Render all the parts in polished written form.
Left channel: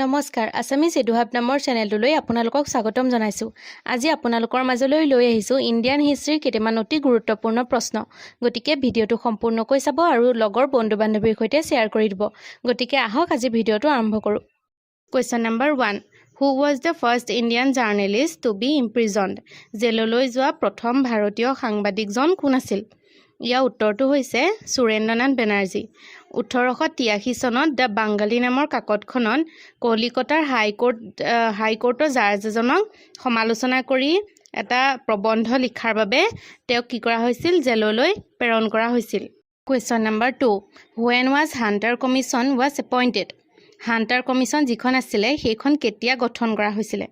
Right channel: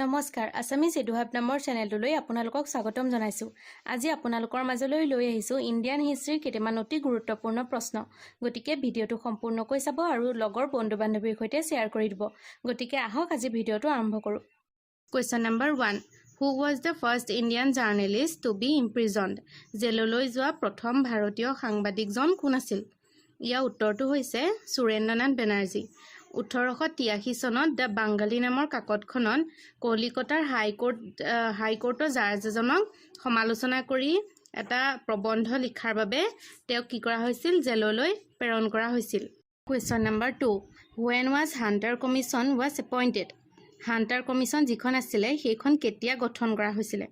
নমস্কাৰ আসামিজ এডু হাব নামৰ চেনেলটোলৈ আপোনালোকক স্বাগতম জনাইছো। আজি আপোনালোকৰ মাজলৈ লৈ আহিছো ইণ্ডিয়ান হিষ্ট্ৰীৰ কেইটামান অতি গুৰুত্বপূৰ্ণ প্ৰশ্ন। গতিকে ভিডিঅটো সম্পূৰ্ণকৈ চাব আৰু লগৰ বন্ধু-বান্ধৱীৰ সৈতে শ্বেয়াৰ কৰি দিব। গতিকে আহক আজি ভিডিঅটো আৰম্ভ কৰো। Question number 1. Who was the first Indian journalist to be imprisoned? জেললৈ যোৱা প্ৰথম ভাৰতীয় সাংবাদিকজন কোন আছিল? ইয়াৰ উত্তৰটো হৈছে সুৰেন্দ্ৰ নাথ বেনাৰ্জী। 1883 চনত দ্য বাংগালী নামৰ কাকতখনত কলিকতাৰ হাইকোৰ্টৰ জাজ এজনক সমালোচনা কৰি এটা প্ৰবন্ধ লিখাৰ বাবে তেওঁক কি কৰা হৈছিল? জেললৈ প্ৰেৰণ কৰা হৈছিল। Question number 2. When was Hunter Commission was appointed? Hunter commission যিখন আছিলে সেইখন কেতিয়া গঠন কৰা হৈছিলে?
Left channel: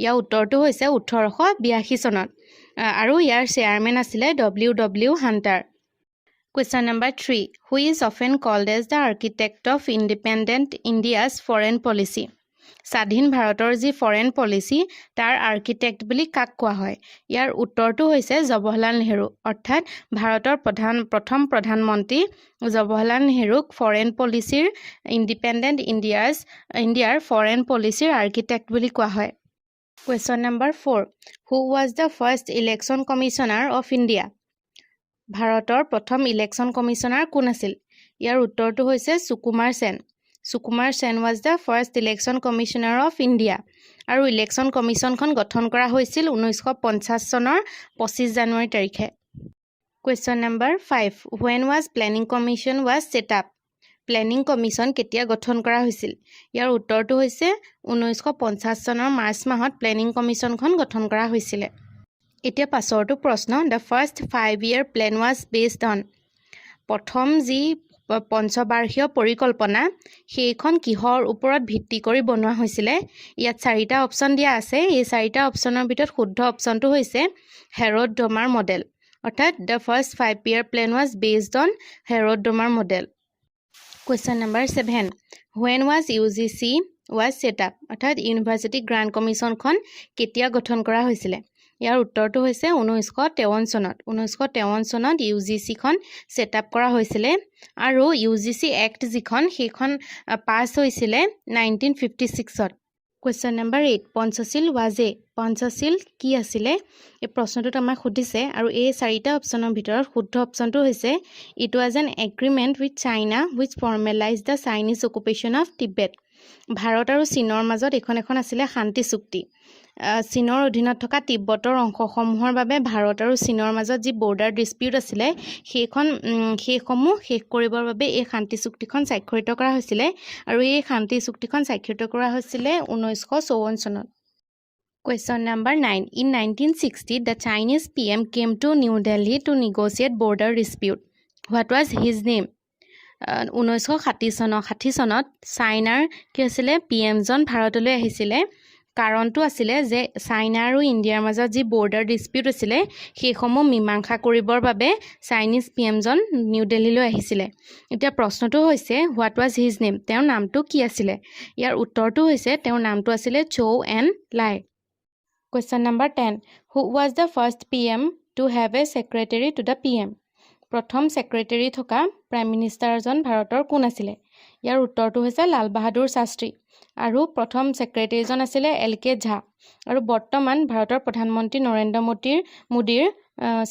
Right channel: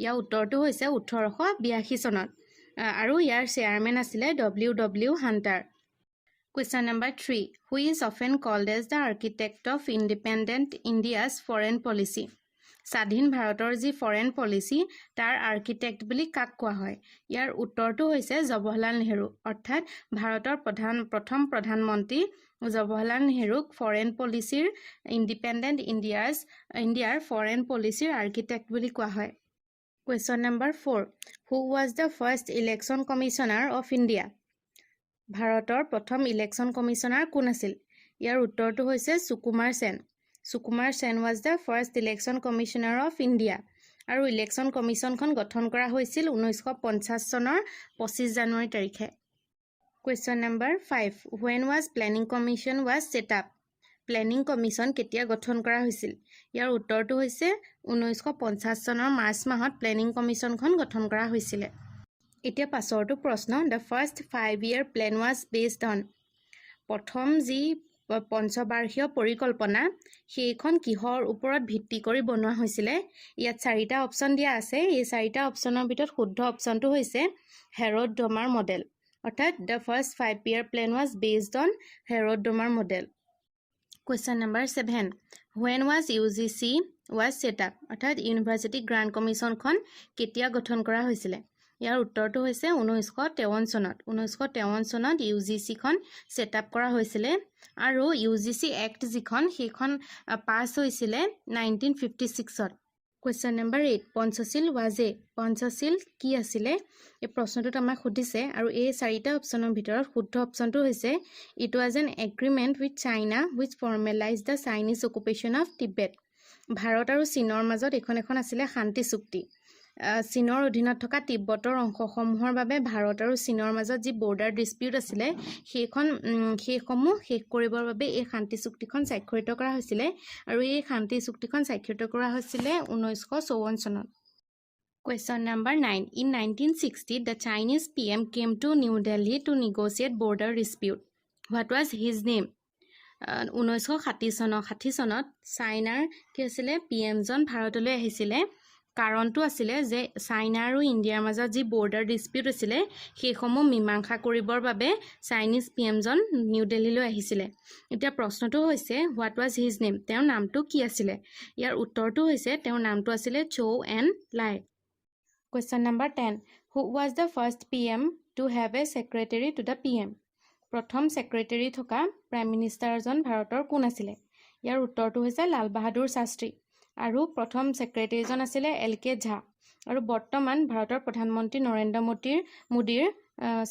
ইয়াৰ উত্তৰটো হৈছে 1882 চনত আৰু ইয়াৰ চেয়াৰমেন আছিলে W. Hunter. Question number 3. Who is often called as the architect of independent India's foreign policy? স্বাধীন ভাৰতৰ যি ফৰেন পলিচি তাৰ আৰ্কিটেক্ট বুলি কাক কোৱা হয়? ইয়াৰ উত্তৰটো হৈছে জৱাহৰলাল নেহৰু। অৰ্থাৎ ভাৰতৰ প্ৰথম প্ৰধানমন্ত্ৰী জৱাহৰলাল নেহৰুক ফৰেন পলিচিৰ ইণ্ডিপেণ্ডেণ্ট ইণ্ডিয়াৰ ফৰেন পলিচিৰ আৰ্কিটেক্ট বুলি কোৱা হয়। Question number 4. Who was the first election commissioner of India? ভাৰতৰ প্ৰথম ইলেকশ্যন কমিশ্যনাৰ কোন আছিল? ইয়াৰ উত্তৰটো হৈছে সুকুমাৰ সেন। সুকুমাৰ সেন was the first election commissioner of India আৰু ইলেকশ্যন কমিশ্যনখন গঠন কৰা হৈছিল 1950 চনৰ 25 জানুৱাৰী তাৰিখে। Question number 5. When was planning commission was set up? Planning commission কেতিয়া গঠন কৰা হৈছিল? ইয়াৰ উত্তৰটো হৈছে 1950 চনৰ মাৰ্চ মাহত প্লেনিং কমিশ্যনখন গঠন কৰা হৈছিলে। এতিয়া পাছৰটো প্ৰশ্ন, the first 5-year plan was based on? প্ৰথম যি পঞ্চবাৰ্ষীয় পৰিকল্পনা সেইখন কিহৰ ওপৰত ভিত্তি কৰি বনোৱা হৈছিলে? ইয়াত 4টা অপশ্যন দিয়া আছে। এই 4টা অপশ্যনৰ ভিতৰত শুদ্ধ অপশ্যনটো হৈছে হেৰড ডোমাৰ মডেল। অৰ্থাৎ the first 5-year plan was based on Harrod Domar model. Question number 7. When was UGC was set up? অৰ্থাৎ ইউনিভাৰ্চিটি গ্ৰাণ্ট কমিশ্যনখন কেতিয়া গঠন কৰা হৈছিলে? ইয়াৰ উত্তৰটো হৈছে 1953 চনত। 1953 চনত ইউজিচিখন ছেট আপ কৰা হৈছিলে আৰু ইউজিচি এক্ট যিখন সেইখন পাছ হৈছিলে 1956ত। Question number 8. Panchsheel was a? Panchsheel কি আছিলে? এই প্ৰশ্নটোত আমাক সুধিছে আৰু এই 4টা অপশ্যনৰ ভিতৰত শুদ্ধ অপশ্যনটো হৈছে It was an agreement with China which formalized the Chinese occupation of Tibet. Bharat আৰু চীনৰ মাজত এখন আছিলে শান্তি চুক্তি। চীনৰ অধীনত থকা তিব্বতৰ অংশসমূহৰ বাবে ভাৰত আৰু চীনৰ মাজত যি বৰ্ডাৰ ডিস্পিউট আছিলে সেইসমূহ শেষ কৰিবৰ বাবে এই শান্তি চুক্তিখন স্বাক্ষৰিত কৰা হৈছিলে আৰু এই শান্তি চুক্তিখন স্বাক্ষৰিত কৰা হৈছিলে 1954 চনত। Question number 9. In 1960, the Chinese PM came to New Delhi to negotiate border dispute. What was his name? 1960 চনত চাইনাৰ কি আছিলে PM-জন ভাৰতলৈ আহিছিলে। কাৰণটো আছিলে যে চাইনা আৰু ইণ্ডিয়াৰ মাজত যি বৰ্ডাৰ ডিস্পিউট আছিলে সেইসমূহ মীমাংসা কৰিবৰ বাবে চাইনিজ PM-জন নিউ দিল্লীলৈ আহিছিলে। এতিয়া প্ৰশ্নটো হৈছে হোৱাট ৱাজ হিজ নেম? তেওঁৰ নামটো কি আছিলে? ইয়াৰ উত্তৰটো হৈছে তেওঁৰ নামটো আছিলে চৌ এন লাই। Question number 10. Who was the first PM to have a secretary to the PM? প্ৰথম ছেক্ৰেটাৰী থকা প্ৰাইম মিনিষ্টাৰজন ভাৰতৰ কোন আছিলে? ইয়াৰ উত্তৰটো হৈছে লাল বাহাদুৰ শাস্ত্ৰী আৰু প্ৰথম ছেক্ৰেটাৰীজন আছিলে LK ঝা আৰু বৰ্তমান ভাৰতৰ প্ৰধানমন্ত্ৰী নৰেন্দ্ৰ মোদীৰ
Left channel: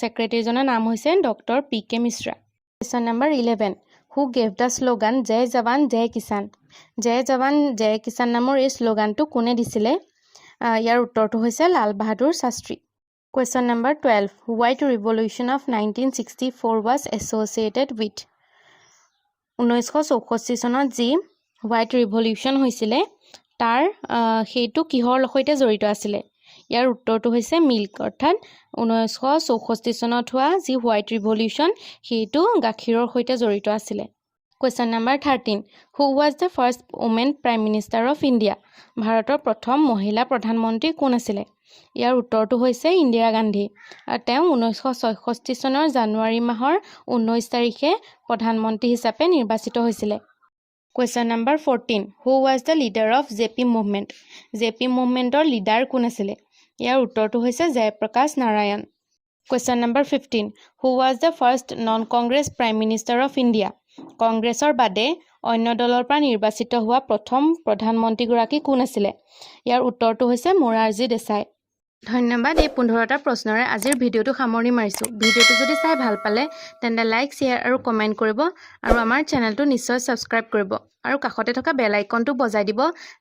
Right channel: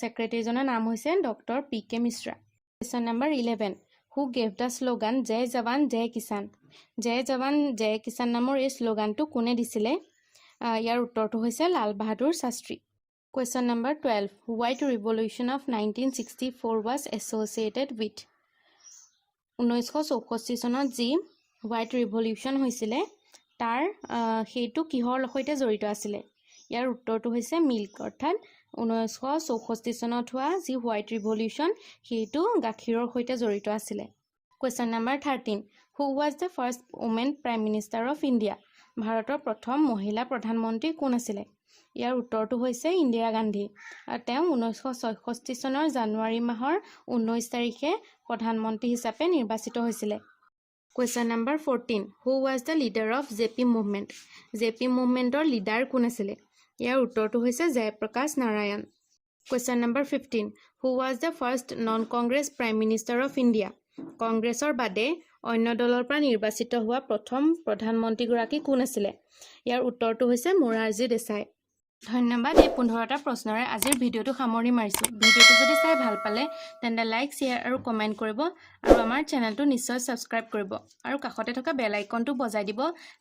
ছেক্ৰেটাৰীজনৰ নাম হৈছে doctor PK Mishra. Question number 11. Who gave the slogan জয় জৱান জয় কিষাণ? জয় জৱান জয় কিষাণ নামৰ এই শ্লোগানটো কোনে দিছিলে? ইয়াৰ উত্তৰটো হৈছে Lal Bahadur Shastri. Question number 12. White Revolution of 1964 was associated with? 1964 চনত যি হোৱাইট ৰিভলিউশ্যন হৈছিলে তাৰ সেইটো কিহৰ সৈতে জড়িত আছিলে? ইয়াৰ উত্তৰটো হৈছে মিল্ক। অৰ্থাৎ 1964 চনত হোৱা যি হোৱাইট ৰিভলিউশ্যন সেইটো গাখীৰৰ সৈতে জড়িত আছিলে। Question number 13. Who was the first woman prime minister of India? ভাৰতৰ প্ৰথম মহিলা প্ৰধানমন্ত্ৰী কোন আছিলে? ইয়াৰ উত্তৰটো হৈছে ইন্দিৰা গান্ধী। তেওঁ 1966 চনৰ জানুৱাৰী মাহৰ 19 তাৰিখে প্ৰধানমন্ত্ৰী হিচাপে নিৰ্বাচিত হৈছিলে। Question number 14. Who was the leader of JP movement? JP মুভমেণ্টৰ leader কোন আছিলে? ইয়াৰ উত্তৰটো হৈছে Jayaprakash Narayan. Question number 15. Who was the first non-Congress Prime Minister of India? কংগ্ৰেছৰ বাদে অন্য দলৰ পৰা নিৰ্বাচিত হোৱা প্ৰথম প্ৰধানমন্ত্ৰীগৰাকী কোন আছিলে? ইয়াৰ উত্তৰটো হৈছে মোৰাৰজী দেশাই। ধন্যবাদ। এই 15টা প্ৰশ্নৰে আজিৰ ভিডিঅ'টো সামৰণি মাৰিছোঁ। ভিডিঅ'টো যদি চাই ভাল পালে তেন্তে লাইক, শ্বেয়াৰ আৰু কমেণ্ট কৰিব আৰু আমাৰ চেনেলটো নিশ্চয় ছাবস্ক্ৰাইব কৰিব আৰু কাষতে থকা বেল আইকনটো বজাই দিব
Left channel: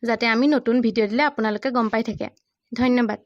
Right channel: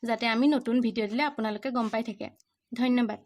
যাতে আমি নতুন ভিডিঅ' দিলে আপোনালোকে গম পাই থাকে। ধন্যবাদ।